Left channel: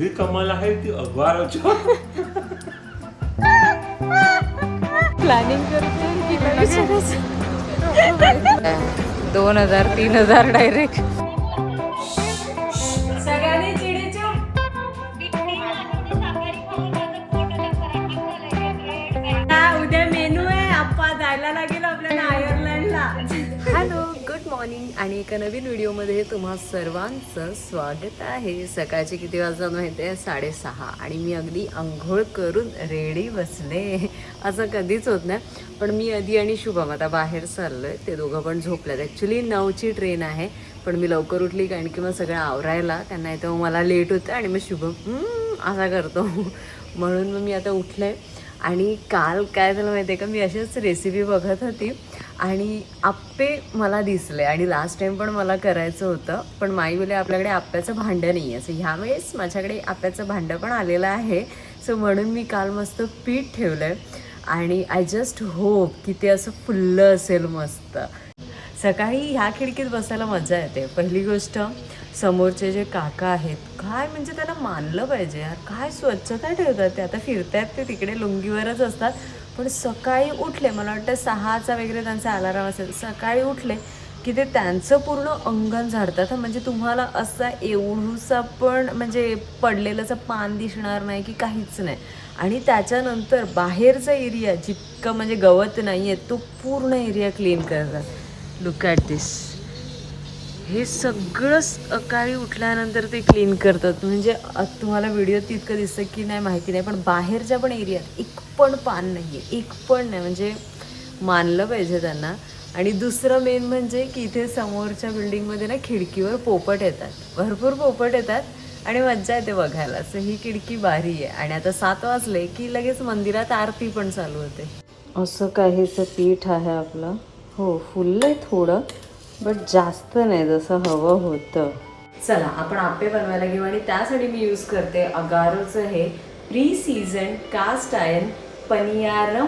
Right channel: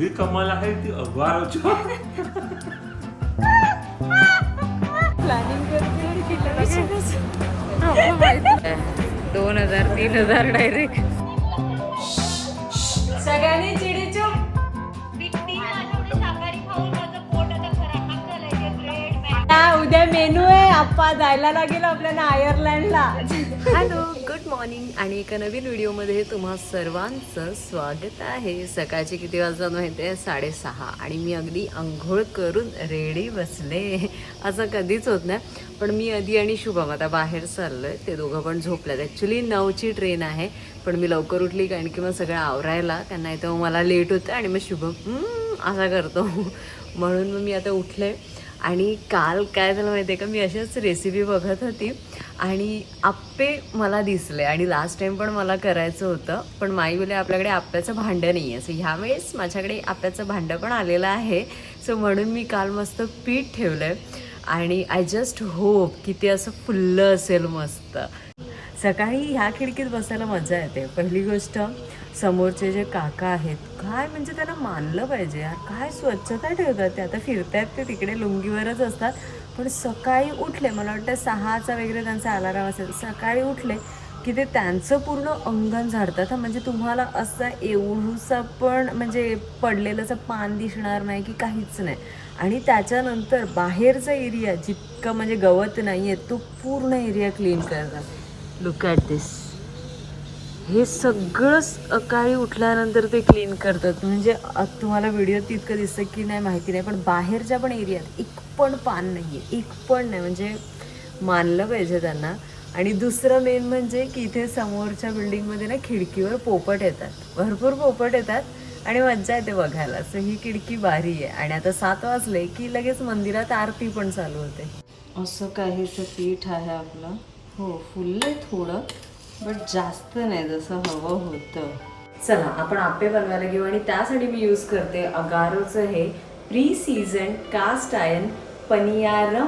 एवढी कमाल आहे ती अगवाराच्या प्लॅनिंग करते की दोन हजार तीन हजार डायरेक्ट सगळ्यांनी उद्या मेनू आहे. आप्पा जायला लागेल आपल्याला आयर्लंडला हॅलो गुड मॉर्निंग आणि एका नवीन व्हिडिओमध्ये तुम्हा सर्वांचं स्वागत आहे. सकाळचे किती वाजता माहिती आहे साडेसहा. आणि मी अगदी आंघोळ करून रेडी बसले. असं कधीच होत नाही. पण मी आधी आणि शुभम आता बाहेर चाललोय. ते दोघं पण झोपल्यात ॲक्च्युली नऊची ट्रेन आहे. पण मी लवकर उठली कारण की मग सगळं आवरायला. कारण नाही तर मग मला लेट होतं आणि मग शुभम असा करतो. म्हणून मग मी आता उठले. आणि काल काय झालं माहिती आहे का? मी अशीच रेसिपी बघत होती. आणि आप्पे मला दिसले आणि लास्ट टाइम पण मला करायचं होतं पण माई बोले आपल्याकडे आप्याचं भांडं नाही आहे सो ह्यावेळेस माझ्याकडे आप्याचं भांडं पण आलेलं आहे. सो म्हणून मी काल मस्त पीठ ठेवलं आहे आणि आय जस्ट होप की ते असं फुल्लं असेल मस्त. सकाळी ह्या खिडकीत बसायला मजा येते. पहिली गोष्ट समोरचे जे काका आहेत काय म्हणजे त्यांना मानलं पाहिजे यार काय स्वच्छता ठेवतात ते? आता फिरतायत ते तिकडे लुंगीवरच असतात. पण सकाळी उठले मला वाटतं सहाचा वगैरे त्यांचा अलाराम असेल. सकाळी उठले की ते त्यांचं पूर्ण अंगण झाडतात. म्हणजे तुम्हाला असा एवढूसा पण म्हणजे पडलेलंचं पान दिसणार नाही की काहीच नाही. आणि त्याच्यानंतर बाहेरचा एरिया जितकं म्हणजे गवत नाही आहे तो पूर्ण एरिया क्लीन करतात. लुक ॲट दिस हे सगळं सकाळी उठल्यानंतर ते क्लीन करतात. म्हणजे तुम्हाला व्हिडिओ तितकं दिसतं की नाही माहिती नाही पण बाहेरच्या पण एरियात एक पण पान नाही आहे एक पण नाही. म्हणजे मानलं पाहिजे त्यांना. आणि दुसरं मेन म्हणजे की इथे समोरच्या बिल्डिंगमध्ये ना खिडकीवर पोपट येतात. भरपूर पोपट येतात आणि मज्जा येते बघायला. असं ही खिडकी भारी आहे. आणि आता सात वाजले की लगेच मंदिरात आरती पण चालू होते. असं काहीचं पीठ आहे आपलं. हो फुललं आहे थोडं. बट जास्त नाही जसं हवं होतं. चला आपण आप्पे बनवायला घेऊ आणि त्यासाठी मी यूज करते अगारोचं हे pre season cast iron paniyaram.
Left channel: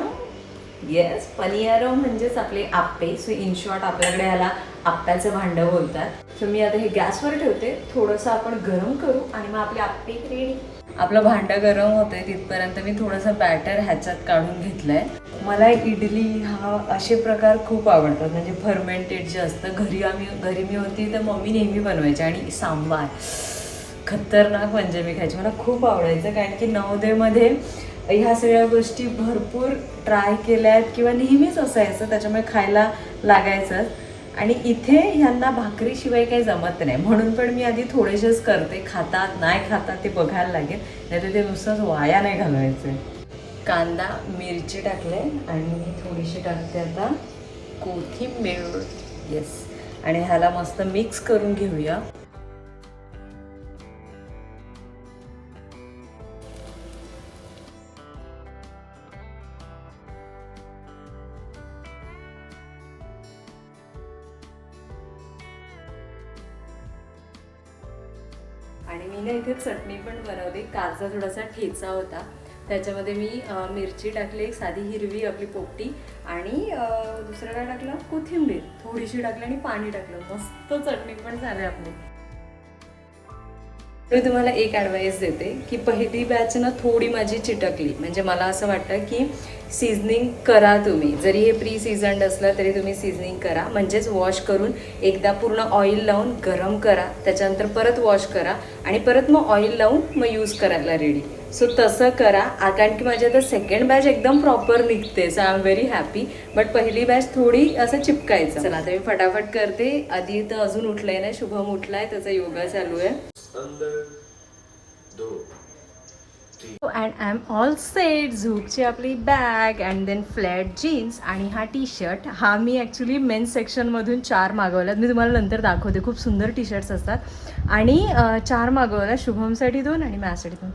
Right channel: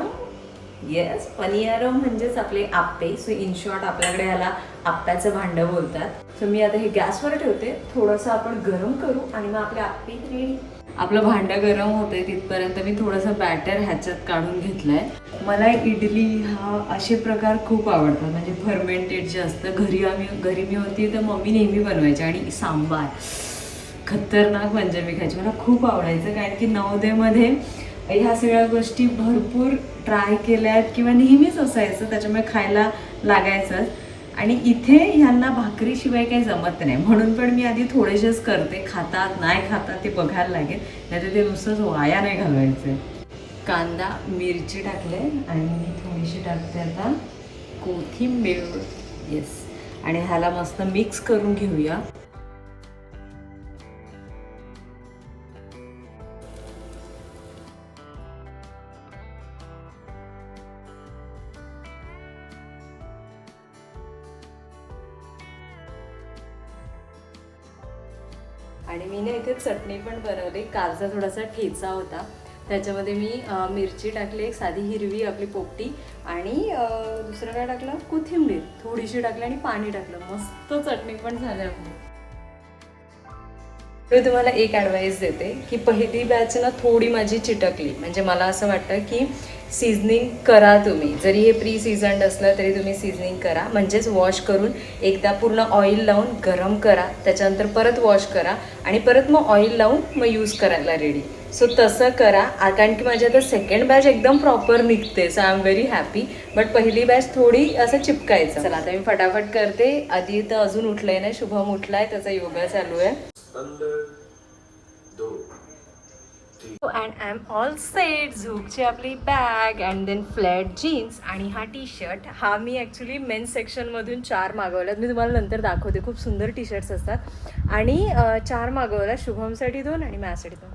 Yes paniyaram म्हणजेच आपले आप्पे. सो इन शॉर्ट आपल्याकडे ह्याला आप्प्याचं भांडं बोलतात. सो मी आता हे गॅसवर ठेवते. थोडंसं आपण गरम करू आणि मग आपले आप्पे रेडी आपलं भांडं गरम होतंय तिथपर्यंत मी थोडंसं बॅटर ह्याच्यात काढून घेतलं आहे मला इडली हा असे प्रकार खूप आवडतात. म्हणजे फर्मेंटेड जे असतं घरी आम्ही घरी मी होती तर मम्मी नेहमी बनवायची आणि सांबार. खतरनाक म्हणजे मी खायची. मला खूप आवडायचं कारण की नवदेमध्ये ह्या सगळ्या गोष्टी भरपूर ट्राय केल्या आहेत किंवा नेहमीच असायचं त्याच्यामुळे खायला लागायचं आणि इथे ह्यांना भाकरीशिवाय काही जमत नाही. म्हणून पण मी आधी थोडेसेच करते. खातात नाही खातात ते बघायला लागेल. नाही ते नुसतंच वाया नाही घालवायचं. कांदा मिरची टाकले आणि मी थोडीशी टाकते आता कोथिंबीर. येस आणि ह्याला मस्त मिक्स करून घेऊया. आणि मी ना इथे चटणी पण बनवली. कालचा थोडासा ठेचा होता. त्याच्यामध्ये मी मिरची टाकली एक साधी हिरवी आपली पोपटी आणि दुसरं काय टाकलं? कोथिंबीर. थोडीशी टाकली आणि पाणी टाकलं. मस्त चटणी पण झाली आपली. मी तुम्हाला एक ॲडवाईस देते की पहिली बॅच ना थोडी माझी चिटकली. म्हणजे मला असं वाटतं की सीझनिंग करा तुम्ही. जरी हे प्री सीझन्ड असलं तरी तुम्ही सीझनिंग करा. म्हणजेच वॉश करून एकदा पूर्ण ऑइल लावून गरम करा. त्याच्यानंतर परत वॉश करा आणि परत मग ऑइल लावून मग यूज करायला रेडी सो तसं करा. कारण की माझी आता सेकंड बॅच एकदम प्रॉपर निघते. So I am very happy but पहिली बॅच थोडी असं चिपकायचं. चला आता मी फटाफट करते. आधी तर अजून उठलंय नाही शुभम उठलाय. त्याचा योगा चालू आहे. And I am all set झूकची आपली bag and then flat jeans आणि हा टी शर्ट हा मी ॲक्च्युली मेन्स सेक्शनमधून चार मागवल्यात. मी तुम्हाला नंतर दाखवते. खूप सुंदर टी शर्ट्स असतात. आणि चार मागवला. शुभमसाठी दोन आणि माझ्यासाठी दोन.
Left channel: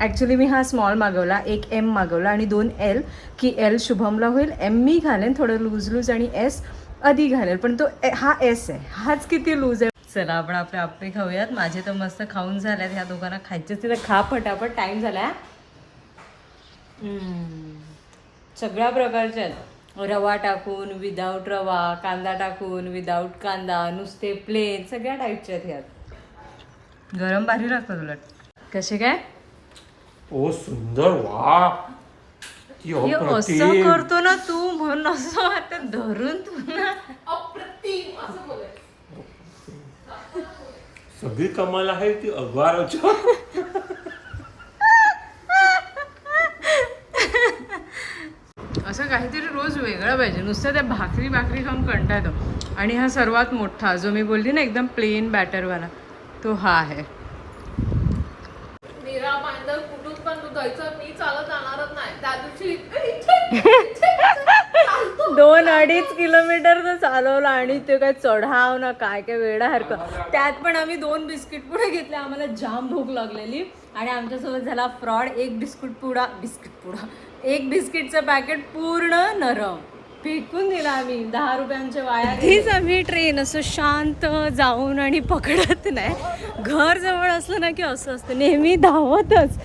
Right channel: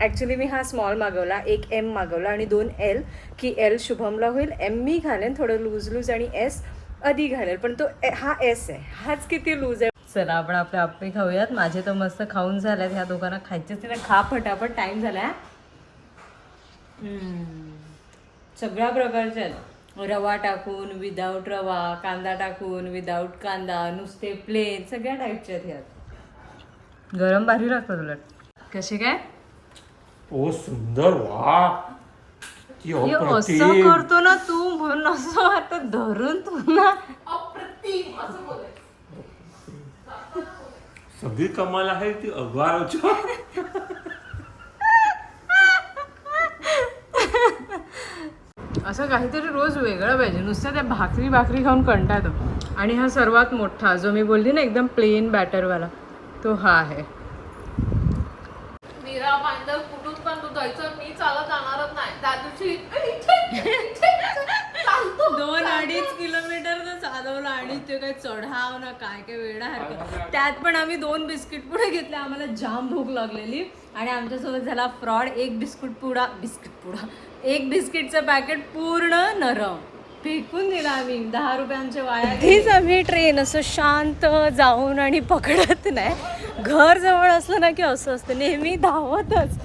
ॲक्च्युली मी हा स्मॉल मागवला. एक एम मागवला आणि दोन एल की एल शुभमला होईल. एम मी घालेन. थोडं लूज लूज आणि एस आधी घालेल पण तो हा एस आहे. हाच किती लूज आहे. चला आपण आपले आप्पे खाऊयात. माझे तर मस्त खाऊन झाल्यात ह्या दोघांना खायचे तिथे खा फटाफट टाईम झाला सगळ्या प्रकारचे आहेत. रवा टाकून विदाऊट रवा कांदा टाकून विदाऊट कांदा नुसते प्लेन सगळ्या टाईपचे आहेत ह्यात. गरम भारी लागतात उलट. कसे काय? ओ सुंदर. वा हे असं करतो ना तू म्हणून असं आता धरून तुला सगळी कमाल आहे ती अगवाराच्या असं काहीतरी रोज वेगळं पाहिजे. नुसतं त्या भाकरी भाकरी खाऊन कंटा येतो आणि हा सर्वात मोठा जो मी बोलली ना एकदम प्लेन बॅटरवाला तो हा आहे. मीरा मांजर कुठून पण तू जायचं मी चालत जाणारच नाही त्या दिवशी चालतो दोन अडीच किलोमीटर तर चालवलं आणि ते काय चढाव ना काय काय वेळासारखं त्यात पण आम्ही दोन बिस्किट पुढे घेतले आम्हाला जाम भूक लागलेली. आणि आमच्यासोबत झाला फ्रॉड एक बिस्कुट पुडा बिस्किट पुडा एक बिस्किटचं पॅकेट पूर्ण नरम. फेकून दिला आम्ही दहा रुपयांचे वाया हीच आम्ही ट्रेन असं शांत जाऊन आणि पकडत नाही. घर जवळ असलं ना की असं असतं नेहमी धावतच.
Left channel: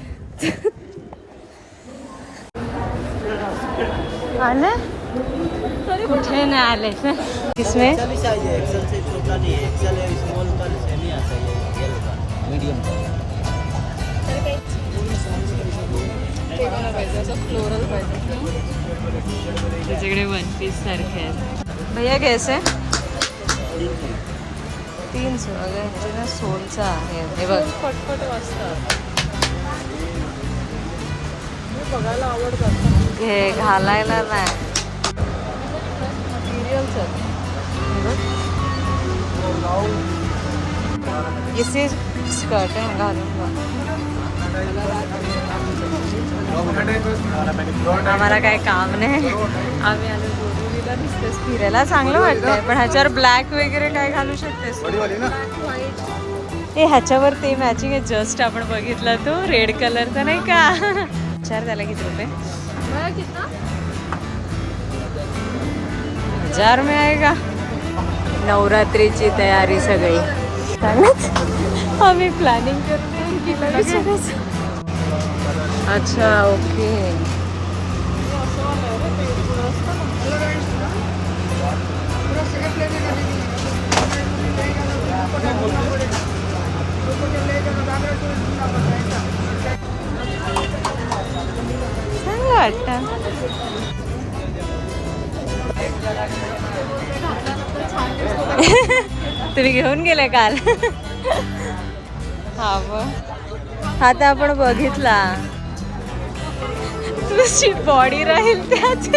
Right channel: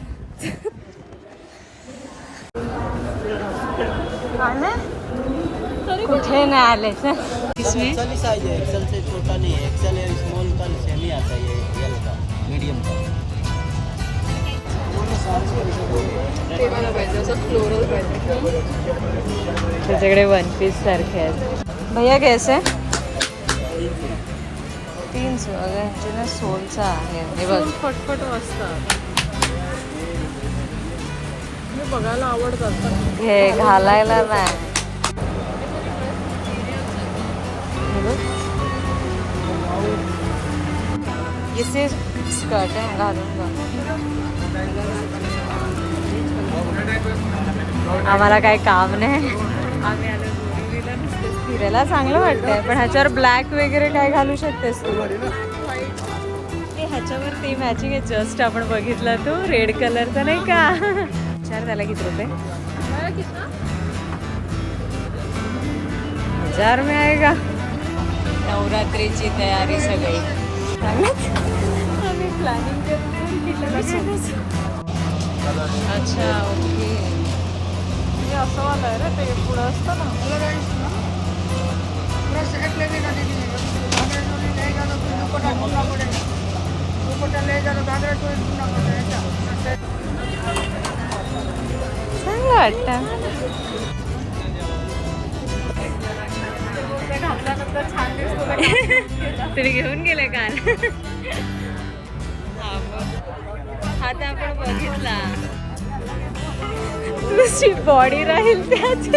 आले? कुठे नाही आले? तर इसमें? त्याच्याकडे वन पीस सारखे आहेत. भैया कैसे? तीन सो अगं यांचे ना सोलचा आहे. हे बघ. बघायला आवडतात. घे घालायला नाही. दिस इज स्कर्ट आहे घालून आम्हाला काही काम नाही. आम्ही आलो फिरायला चांगलं वाटतंय पण ह्याच्यावर ब्लॅक वगैरे काय घालू शकतेस तू? ह्याच्यावर ते मॅचिंग आहे. जस्ट आपण बघितलं तू. रेड कलरचा नाही का? विचार त्याला किती रुपये? हजार में आएगा। नवरात्रीची तयारी सगळी. चांगलंच? आम्ही प्लॅनिंग करतो. अच्छा ओके. चांगलं वाटतं. तुम्ही घेऊन गेले काल. हा मग. हा तर आपण बघितला. तुझी बॉडी राहील त्याच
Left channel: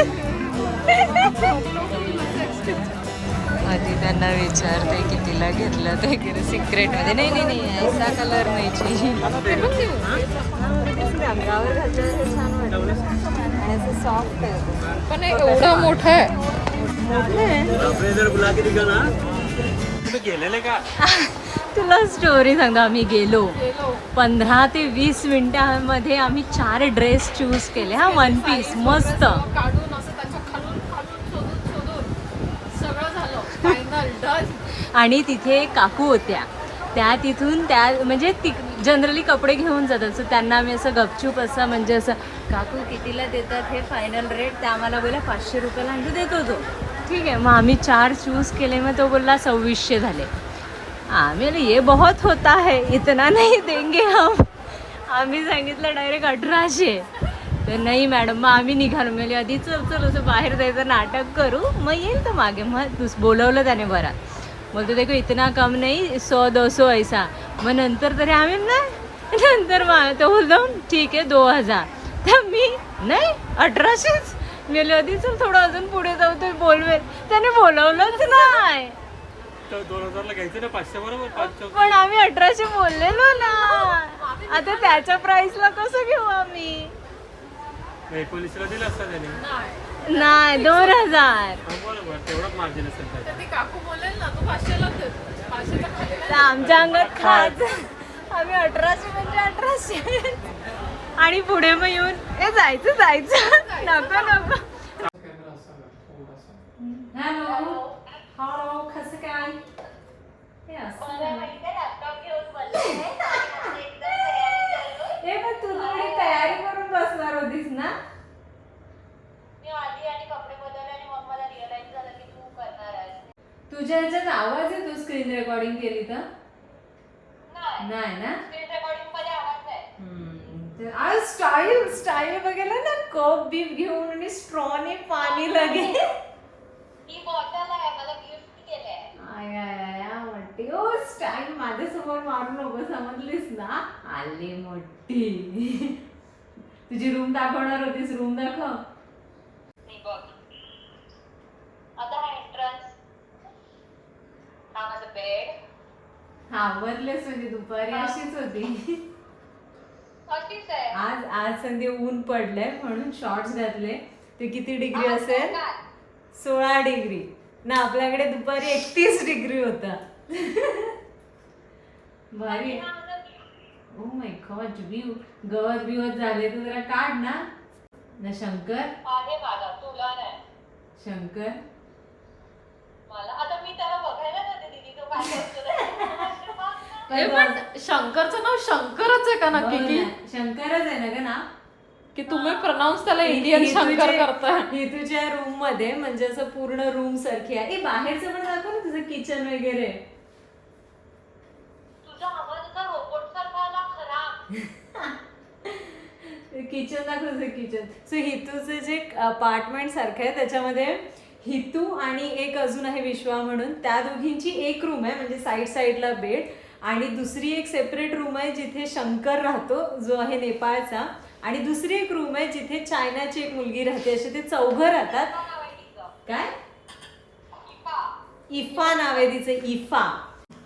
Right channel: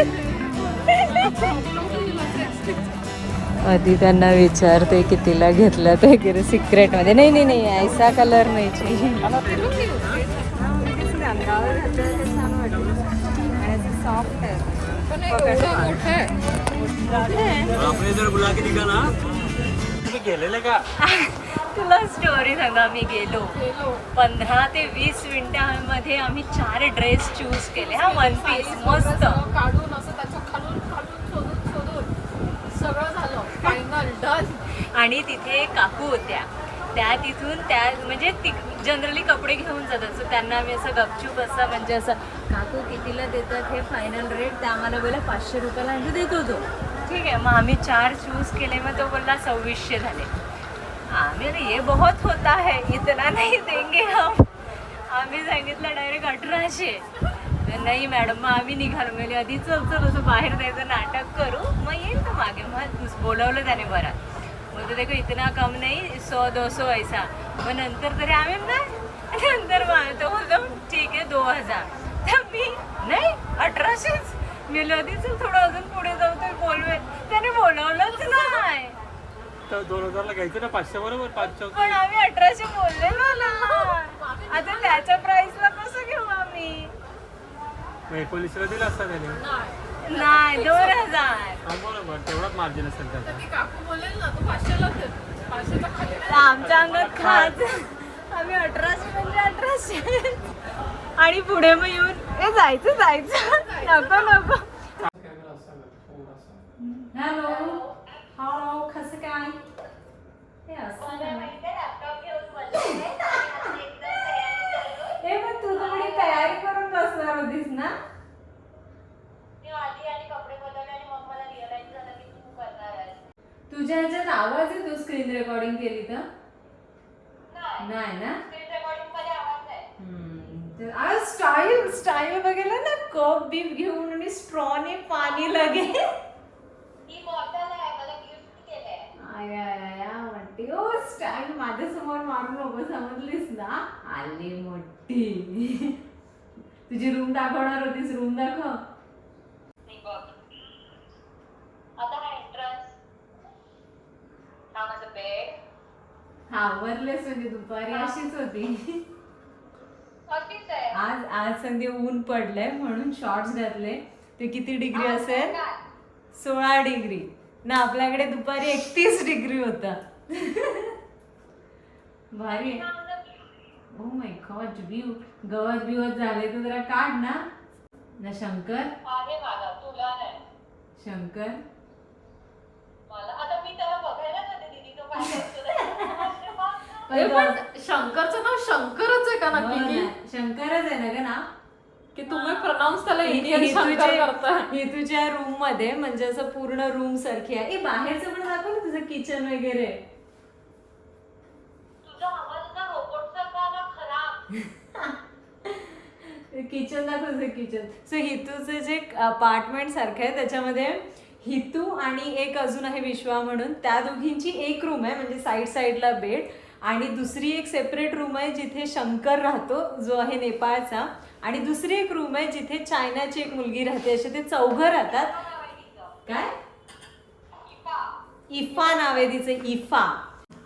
आधी त्यांना विचारते कितीला घेतलं ते वगैरे सिक्रेटमध्ये. नाही नाही नाही ऐसा कलर नाही हे छान वाटेल आणि असं सॉफ्ट आहे. मोठं आहे. गेलेले का? तुला स्टोरी सांगतो आम्ही गेलो. पंधरा ते वीस मिनिटांमध्ये आम्ही चार ड्रेस चूज केले. हा वन पीस मस्त. काढून असं त्याच्या खालून खालून शोधून शोधून सगळं झालं. फायनल डन आणि तिथे काकू होत्या. त्या तिथून त्या म्हणजे ती जनरली कपडे घेऊन जातात. सो त्यांना आम्ही असं गपचूप असं म्हणजे असं काकू कितीला देतात हे फायनल रेट त्या आम्हाला बोला पाचशे रुपयाला म्हणजे देतो तो. ठीक आहे. मग आम्ही चार चूज केले मग तो बोलला सव्वीसशे झाले. आम्ही बोले, ये बहुत होता है इतना नाही देंगे हम. आम्ही सांगितलं डायरेक्ट अठराशे. तर नाही मॅडम मग आम्ही निघालो. मेले आधी चल चल असं बाहेर जायचं नाटक करू. मग येईल तर मागे. मग तू बोलवलं त्याने बरात बोलतो देखो इतना कम नाही सो दो सो ऐसा. मग नंतर तरी आम्ही नाही. नंतर मग तो बोलतो ठीक आहे दो हजार. तर मी नाही अठराशेच. गेले आधी चल थोडं अजून पुढे जाऊ तुम्ही बोलवे. त्याने बोलवलंच नाही. तर दोन हजारला घ्यायचं ना पाचशे बरोबर? पाच चौक. पण आम्ही अठराशे बोललेलो ना. आता त्याच्या प्राइसला कसं घेऊ आम्ही? एकोणीसला दिला असता त्याने. नाही दोन हजार. बरोबर. तेवढंच मार्जिन असेल त्याचं. ती काकू बोलेल ना तू पाचशेला पाचशेच्या आमच्या अंगात खाज. आम्ही अठराशे म्हणजे अठराशे. आणि पुढे मग येऊन ए जायचं जायचं. नको नको. हॅलो. हॅलो कसं काय? हे पण तू थोडी तयारी करून बसणार होतीस ना? मी आधी आणि कपडे बदलले आणि मग मला रिअलाइज झालं की तू करणार आहेस. तुझ्या ह्याच्यात आवाज आहे तू स्क्रीन रेकॉर्डिंग केली तर? नाही. नाही ना? स्क्रीन रेकॉर्डिंगमध्ये आवाज आहे स्टाईल स्टाईल बघायला ना कप बीप घेऊन आणि स्ट्रॉने पाणी लगे. ही बॉटल आहे मला गिफ्ट केलंय. आय, म्हणते ओ स्टाईल माझ्यासमोर मारू नको समजलीस ना. आली मोठी. तुझी रूम दाखवणार होतीस रूम दाखव. आता हा एंट्रन्स हा माझा बेड आवरलेस म्हणजे दुपारी अशीच होती. आज आज संधी ऊन पडलंय म्हणून शॉर्ट्स घातले. ते किती डिग्री असेल? सोळा डिग्री ना आपल्याकडे दुपारी एकतीस डिग्री होता. भारी ओ माय गॉड व्यू गवत बिवत झाले तर जरा काढ ना. ना शंकर. आहे मला तुला नाही. शंकर. मला आता मी त्याला बघायला जाते पण शंकरचं नाव शंकरच आहे का हो नक्की की? ना, शंकरच आहे ना ग ना की तुम्ही प्रनाऊन्स त्याला इंडियन शंकर करताय. ही तुझ्या रूममध्ये म्हणजे असं पूर्ण रूम सारखी आहे. ए, बाहेरचं पण दाखव ना तुझं किचन वगैरे. तुझा आवाज असा रोबोट सारखा आला खराब. किचन दाखव तुझं किचन सो हितूचं जे अपार्टमेंट सारखं आहे त्याच्यामध्ये हितू आणि एक अजून आहे विश्वा म्हणून. त्या दोघींची एक रूम आहे म्हणजे साईड साईडला बेड आणि दुसरी एक सेपरेट रूम आहे जिथे शंकर राहतो जो आहे नेपाळचा. आणि दुसरी एक रूम आहे जिथे चायनाची एक मुलगी राहते. असे ते चौघं राहतात. काय? इफा. इफा नाव आहे तिचं इफा.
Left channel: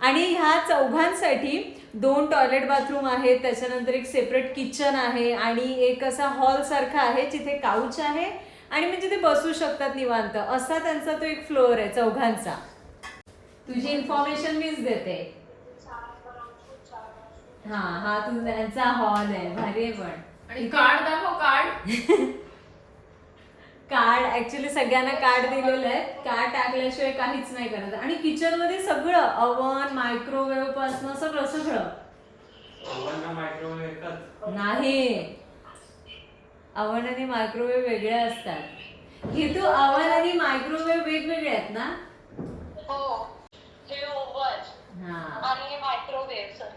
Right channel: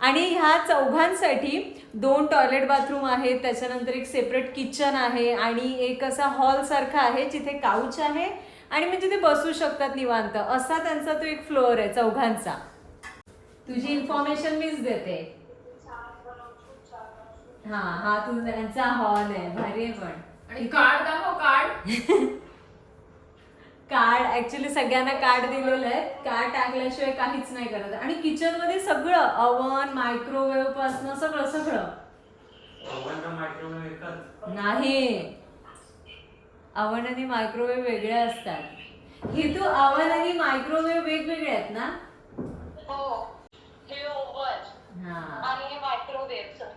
आणि ह्या चौघांसाठी दोन टॉयलेट बाथरूम आहेत. त्याच्यानंतर एक सेपरेट किचन आहे आणि एक असा हॉल सारखा आहे जिथे काउच आहे आणि म्हणजे ते बसू शकतात निवांत. असा त्यांचा तो एक फ्लोअर आहे चौघांचा. तुझी इन्फॉर्मेशन मीच देते. हा हा तुझा त्यांचा हॉल आहे भारी आहे पण. आणि कार्ड दाखव कार्ड कार्ड ऍक्च्युली सगळ्यांना कार्ड दिलेलं आहे. कार्ड टाकल्याशिवाय काहीच नाही करत. आणि किचनमध्ये सगळं अवन मायक्रोवेव्ह पासन सगळं सगळं. नाही. अवन आणि मायक्रोवेव्ह वेगळे असतात. हे तू अवन आणि मायक्रोवेव्ह वेगवेगळे आहेत ना? हो हे ओव्हन हा. आणि हे मायक्रोवेव्ह सर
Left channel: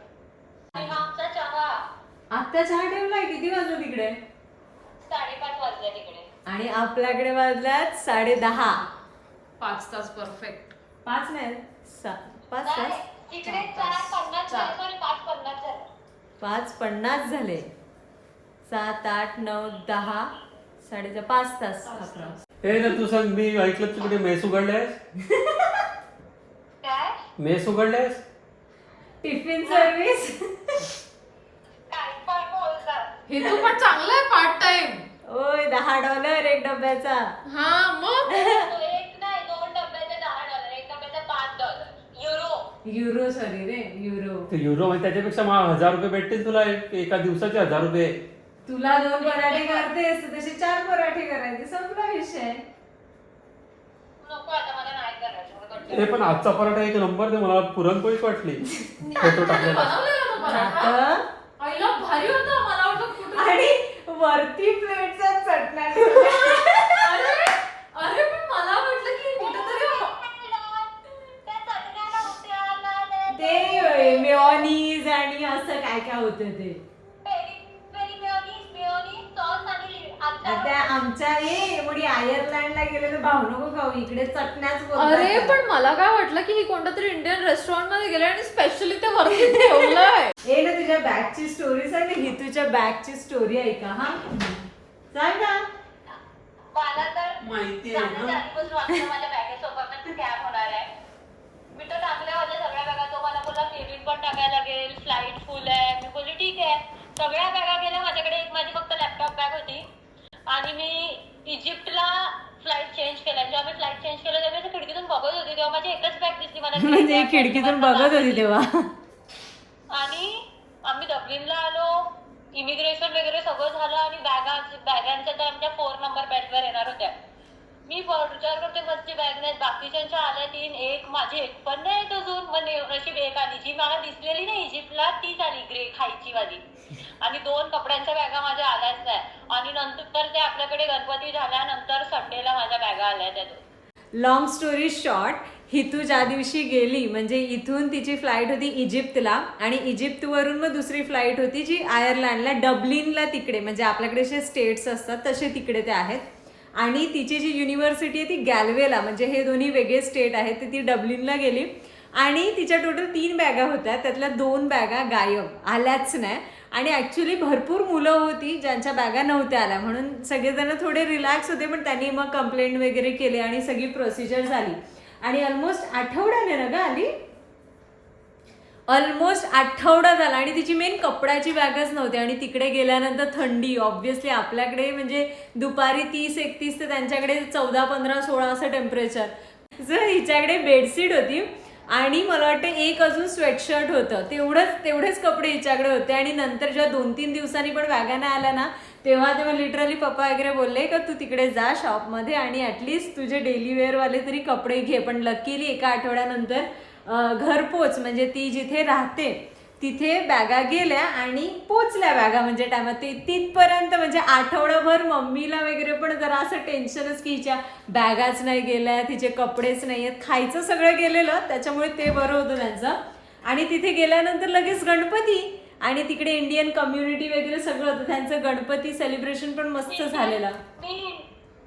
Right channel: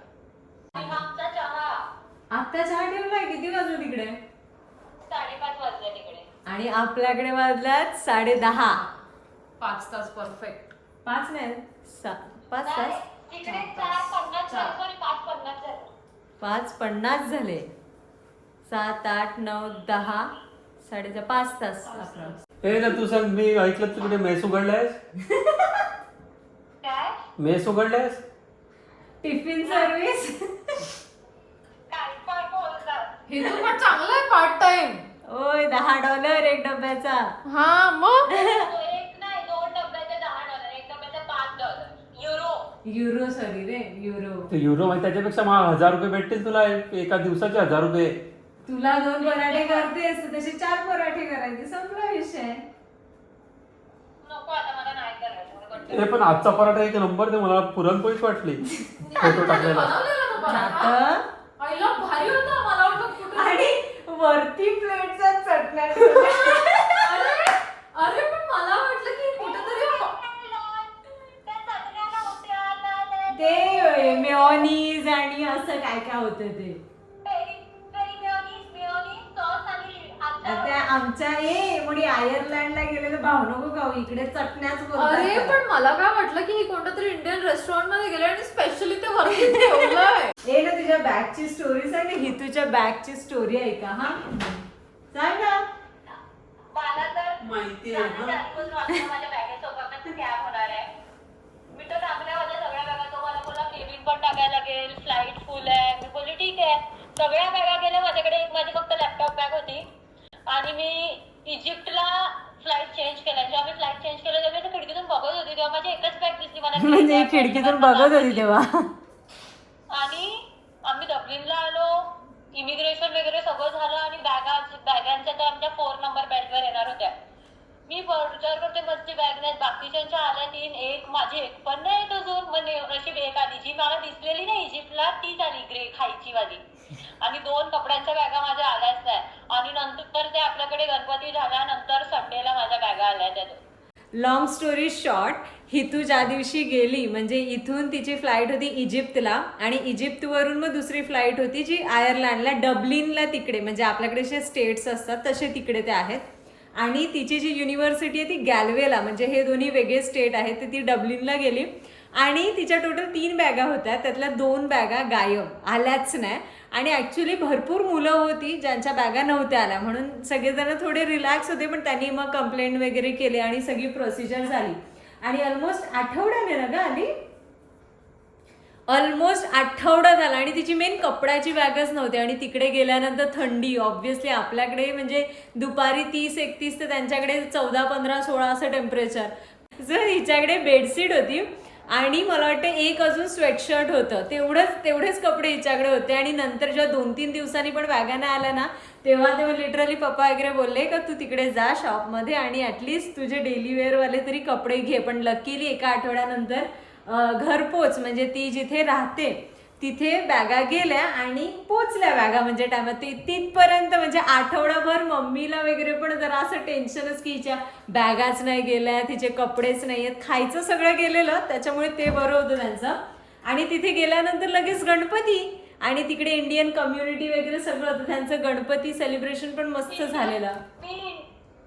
आता चहा ठेवलाय? किती वाजले तिकडे? साडेपाच वाजले तिकडे. आणि आपल्याकडे वाजल्यात साडे दहा पाच तास परफेक्ट पाच नाही सा- पाच तास? तिकडे चार पन्नास झाले सॉरी पाच पन्नास झाले. पाच पन्नास झाले. सात आठ नऊ दहा साडेचा पाच तास आपण हे ना तू सांग मी ऐकलं तिकडे मेस उघडलायस? काय? मेस उघडलायस? टिफिन सर्व्हिस हे तू पण चांगलं आहे पार्ट टाइम ओय दहा डॉलर एक डब्याचा. हा मग? तो एक नाही दोन डब्याचे दहा डॉलर एक डब्याचे पाच डॉलर युरो युरो सॉरी रे युरो. ते युरो मध्ये त्याच्यापेक्षा मला हजार रुपये भेटतील तुला एक- एका दिवसाचे हजार रुपये. तुला दोन पराठे करतेस तसे चार पराठे करायचे संपला विषय नको आता मला नाही करायचं मला कंटाळा हे पण आजचा पराठा एक नंबर दे मला पुरणपोळीच वाटली फोटो टाकलेला? आता? आणि वरती प्लेटचा चटण्या. ठेवल्या. अरे अरे पण मला वाटलं की कुठेतरी त्या चटण्या नव्हत्या ना, ते मेऑनीज आणि असं काय काय होतं ते. Peri peri mayonnaise mayonnaise sauce आणि आता आता आमच्या ए मुली आयर्लंडला गेले तर भाऊ इकडे चटण्याच अरे. पण मला काय वाटलं की हे कोणत्या तरी इंडियन रेस्टॉरंटमध्ये गेले आणि स्पेशली ते वरती ठेवलंय. ए ना तुझ्या बॅगची स्टोरी सांग ना ही तुझ्या बॅगची स्टोरी ऐका हा? सांग ना. मला तर माहिती जाण्याच्या आधीपासून वाटलं माझ्या बॅगेसोबत स्कॅम होणार आहे. मी तर टाकल्या माझ्या सगळ्या बॅगा तो मला बोला केबिन पण टाकायला लागेल फ्लाईट फुल आहे. मी बोलली ठीक आहे. सगळ्या बॅगा गेल्या माझ्याकडे एक माझी फक्त लॅपटॉप बॅग होती. आणि मी इजिप्तला फ्लाईट चेंज केला. जेव्हा मी फ्लाईट चेंज केलं तेव्हा मी खिडकीतून बघत होती तेव्हा माझी एकच बॅग दिसली मला. म्हणजे खिडकीतून बघत होती. तेव्हा. आणि आम्ही डब्लिनला आलो. इमिग्रेशन वगैरे सगळं झालं आणि बॅगा बॅगांच्या तर आमच्या फोर नंबर बेल्टवर येणार होत्या. मी विचार करते मस्ती बॅग नाही बाकीच्यांच्या आल्या तीन एक माझी एक पण नाही अजून. मग नशीब एक आली. जी मला दिसलेली नाही इजिप्तला तीच आली ग्रे खायची वाली. आणि दोन कपड्यांच्या बॅगा माझ्या आल्याच नाही आणि नंतर ते आपल्याकडे गणपती झाल्यानंतर संडेला माझ्या बॅगा आल्या त्या दोन. लॉंग स्टोरी शॉर्ट हितू ज्या दिवशी गेली म्हणजे इथून तिची फ्लाईट होती इजिप्तला आणि इजिप्तवरून मग दुसरी फ्लाईट होती जी आयर्लंडला डब्लिनला तिकडे म्हणजे आपल्याकडे जे स्टेट्स असतात तसे तिकडे ते आहेत. आणि तिची जी युनिव्हर्सिटी आहे ती गॅल्वेला म्हणजे हे दोन्ही वेगळे स्टेट आहेत ते ती डब्लिनला गेली. आणि तिच्या टोटल तीन बॅगा होत्या त्यातल्या दोन बॅगा गायब आल्याच नाही. आणि ॲक्च्युली भरपूर मुलं होती ज्यांच्या बॅगा नव्हत्या आल्या. म्हणून सगळेजण थोडे रिलॅक्स होते पण त्यांनी मग कंप्लेंट वगैरे केले आणि सगळी प्रोसिजर झाली. आणि ऑलमोस्ट आठवड्याने ना ग आली? ऑलमोस्ट आठवडा झाला. आणि तिची मेन कपड्याची बॅगच नव्हती. आणि तिकडे गेल्यानंतर थंडी ऑब्व्हियसली आपल्याकडे म्हणजे दुपारी तीस एकतीस ते त्यांच्याकडे चौदा पंधरा सोळा असं टेम्परेचर जर हिच्याकडे बेडशीट होती. आणि मला वाटतं एक अजून स्वेटशर्ट होतं. तेवढंच तेवढेच कपडे हिच्याकडे होते. आणि नंतर जेव्हा दोन तीन दिवसांनी पण वॅगन आल्या ना तेव्हा तेव्हा लिटरली पप्पा वगैरे बोलले का तू तिकडे जा शॉपमध्ये आणि ॲटलिस्ट तुझे डेली वेअरवाले तरी कपडे घे. पण लकीली एका आठवड्यानंतर घरपोच म्हणजे ती जिथे राहते तिथे बॅगा गेल्या आणि पोचल्या बॅगा. म्हणजे टायमात ती तिथपर्यंत म्हणजे आठवडाभर मम्मीला वगैरे पण जरा असं टेन्शनच की हिच्या बॅगाच नाही गेल्या तिचे कपडेच नाही आहेत. खायचं सगळं गेलेलं त्याच्यामुळे ते बरं होतं त्यांचं. आणि तिथे गेल्यानंतर लगेच गणपती आणि तिकडे इंडियन कम्युनिटी वगैरे सगळं होतं. त्यांचं गणपती सेलिब्रेशन पण मस्त झालेलं. मी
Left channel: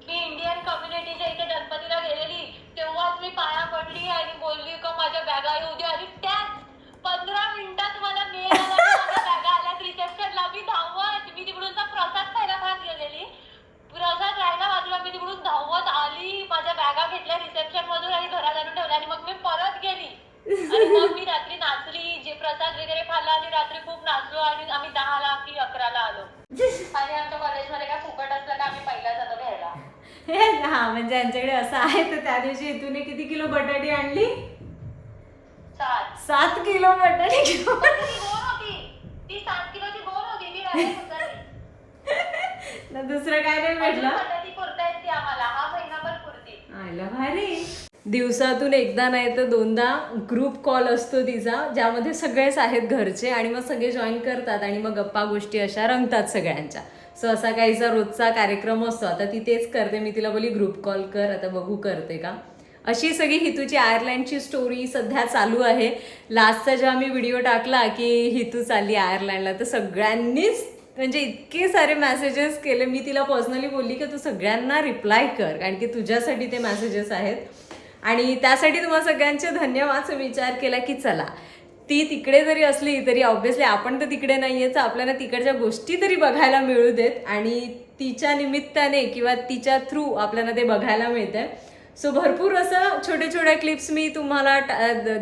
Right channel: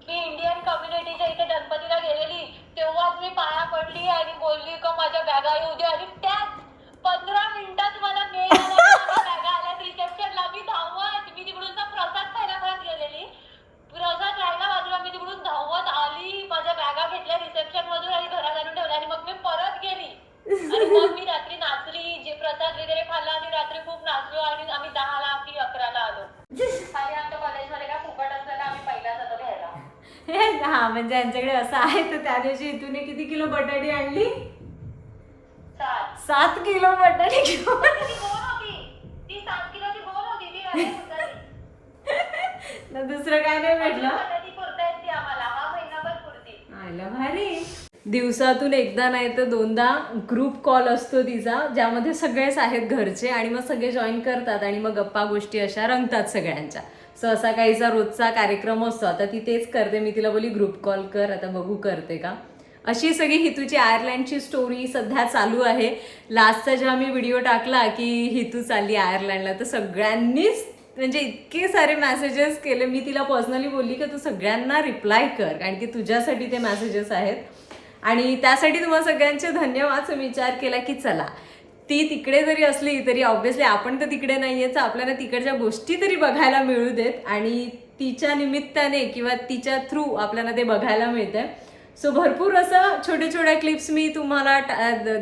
इंडियन कम्युनिटीच्या इथे गणपतीला गेलेली. तेव्हाच मी पाया पडली आणि बोलली का माझ्या बॅगा येऊ दे आणि त्याच पंधरा मिनिटात मला मेल आला माझ्या बॅगा आल्यात रिसेप्शनला मी धावत मी तिकडून ना प्रसाद खायला खात गेलेली. प्रसाद राहिला बाजूला मी तिकडून धावत आली माझ्या बॅगा घेतल्या रिसेप्शन मधून आणि घरात आणून ठेवल्या आणि मग मी परत गेली. आणि मग मी रात्री नाचली जे प्रसाद वगैरे खाल्ला आणि रात्री खूप नाचलो आणि आम्ही दहाला की अकराला आलो. आणि आमच्या कॉलेजमध्ये काय फुकट असलं का आम्ही पहिला जातो घ्यायला. हे हा म्हणजे यांच्याकडे असं आहे तर त्या दिवशी इथून किती किलो बटाटी आणली? सात किलो. ना दुसरं काय नाही भेटलं आयला भारी. दिवसातून एकदा नाही तर दोनदा ग्रुप कॉल असतो तिचा ज्यामध्ये सगळेच आहेत घरचे आणि मग सगळे जॉईन करतात आणि मग गप्पा गोष्टी अशा रंगतात सगळ्यांच्या. सो असा काहीचा रोजचा कार्यक्रम असतो. आता ती तेच करते. मी तिला बोली ग्रुप कॉल कर. आता बघू करते का? अशी सगळी हितूची आयर्लंडची स्टोरी सध्या चालू आहे. लास्टचा जेव्हा मी व्हिडिओ टाकला की हितू चालली आयर्लंडला तर सगळ्यांनीच म्हणजे इतके सारे मॅसेजेस केले. मी तिला पर्सनली बोलली की तू सगळ्यांना रिप्लाय कर कारण की तुझ्यासाठी ते मॅसेजेस आहेत. आणि त्यासाठी तुम्हाला सगळ्यांचे धन्यवाद विचार केला की चला ती तिकडे जरी असली तरी ऑब्व्हियसली आपण तर तिकडे नाही आहे तर आपल्याला तिकडच्या गोष्टी तरी बघायला मिळू देत. आणि तिच्या निमित्ताने किंवा तिच्या थ्रू आपल्याला ते बघायला मिळतंय. सो भरपूर असं छोट्या छोट्या क्लिप्स मी तुम्हाला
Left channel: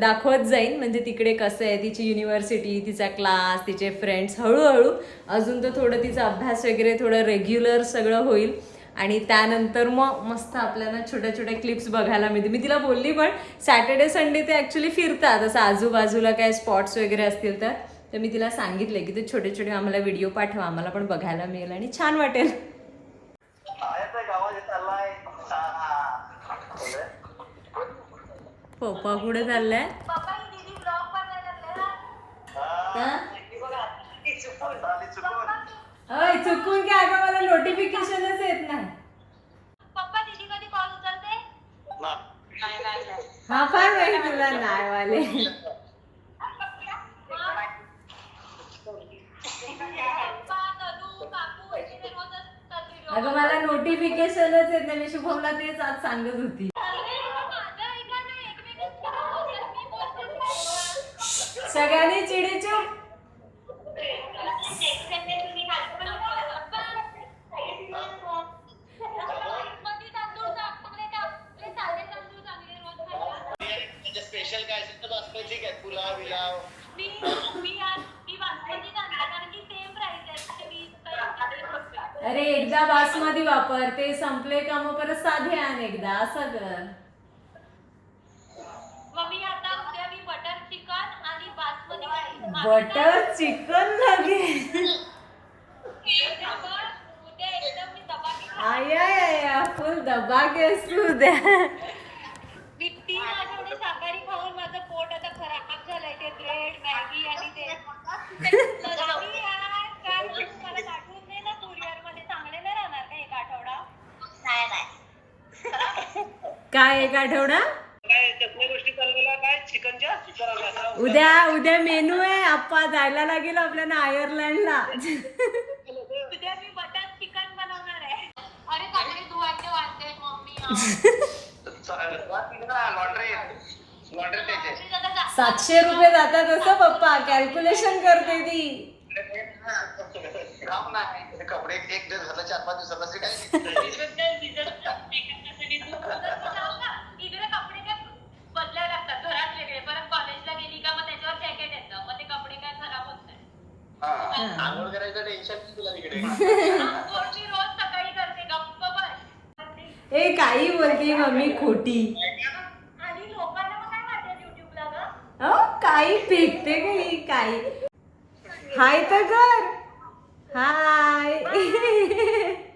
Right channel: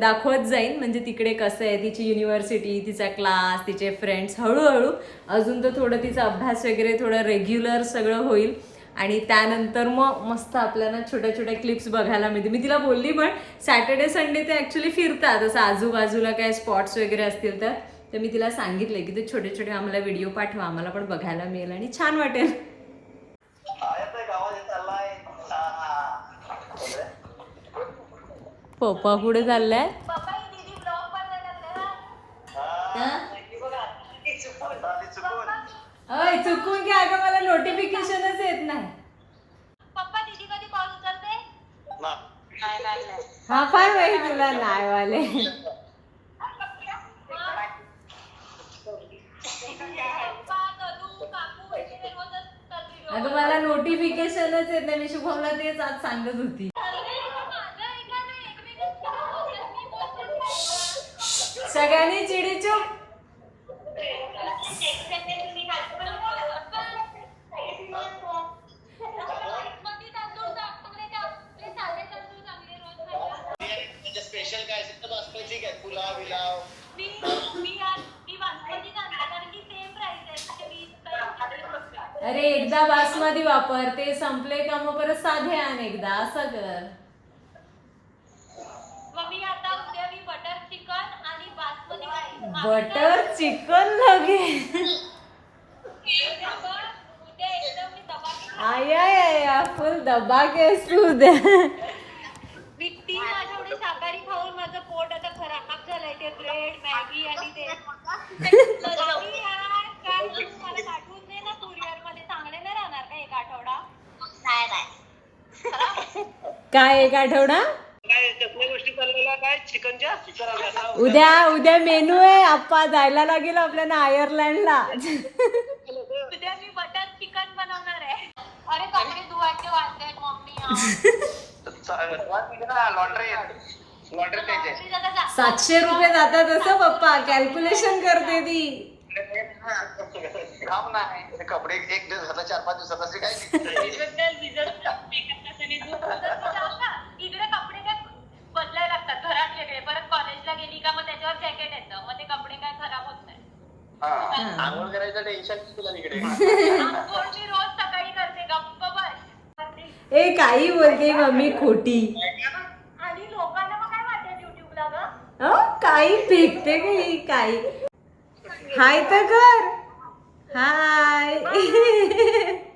दाखवत जाईन. म्हणजे तिकडे कसं आहे तिची युनिव्हर्सिटी तिचा क्लास तिचे फ्रेंड्स हळूहळू. अजून तर थोडं तिचा अभ्यास वगैरे थोडं रेग्युलर सगळं होईल. आणि त्यानंतर मग मस्त आपल्याला छोट्या छोट्या क्लिप्स बघायला मिळते मी तिला बोलली पण सॅटर्डे संडे ते ॲक्च्युली फिरतात. असं आजूबाजूला काय स्पॉट्स वगैरे असतील तर. तर मी तिला सांगितलं की ते छोटे छोटे आम्हाला व्हिडिओ पाठवा. आम्हाला पण बघायला मिळेल आणि छान वाटेल येतोय गावात चाललाय पप्पा कुठे चाललाय? चुकून. अय चुकून की अगं मला नोटिफिकेशनच येत नाही. पप्पा दीदी कधी कॉल उचलते? ना हा काय माहिती तुला नाही वाले अगं मला नोटिफिकेशनच येत नाही. मी शुभमला तेच आज सांगत होती. सगळ्यांनी चिडीचूप स्पेशल काय असेल तर बासमती ठीक आहे पुलाव बिलाव मी मी आज मी बासमती कारण की सेम प्राइस आहे अरे एकदा बासमती वापर ते संपले का मग परत साधे आण एकदा असं कर मग मी आता उद्या मी बटर चिकन आणि बासमती राईस बटर चिकन लगे उद्या एकदम मी दबा आया या फुल दबा केस तू द्या मी तीन आठवडे शाकाहारी खाऊन माझं पोट आता खराब झालंय. ते ब्रेड मॅगी आणि ते. तर मी यार, काय तू मला पाठवून दे ना मध्ये चांगले नाही राहणार का एक आठवडा? नाही नाही. काय एक आठवडा? काय कसल्या गोष्टी. उद्या उद्या मेनू आहे. आप्पा जायला लागेल आपल्याला आयर्लंडला. उद्या मी बटर चिकन बनवणार आहे. अरे कपडे धुवायचे मम्मी. द्यायची सातशे रुपये जातात असं पप्पा. कॅल्क्युलेशन करते ती. हे कपडे एक दिवसाला चार पाच असे काय लागतात घरात वेगळे परत कॉलेजला गेली का मग त्याच्यावर जॅकेट येतं. मग ते कपडे काय खराब होत नाही हा. आंघोळ करायचं टेन्शन नाही तुला तिकडे. आंघोळ मी रोज सकाळी करते. गप्प बस. ए काही बोलते मम्मी खोटी. आणि लोकांना मग काय वाटत युट्यूबला ग? अहो, काही फेकते काही काही. हाय तर कर. हाय.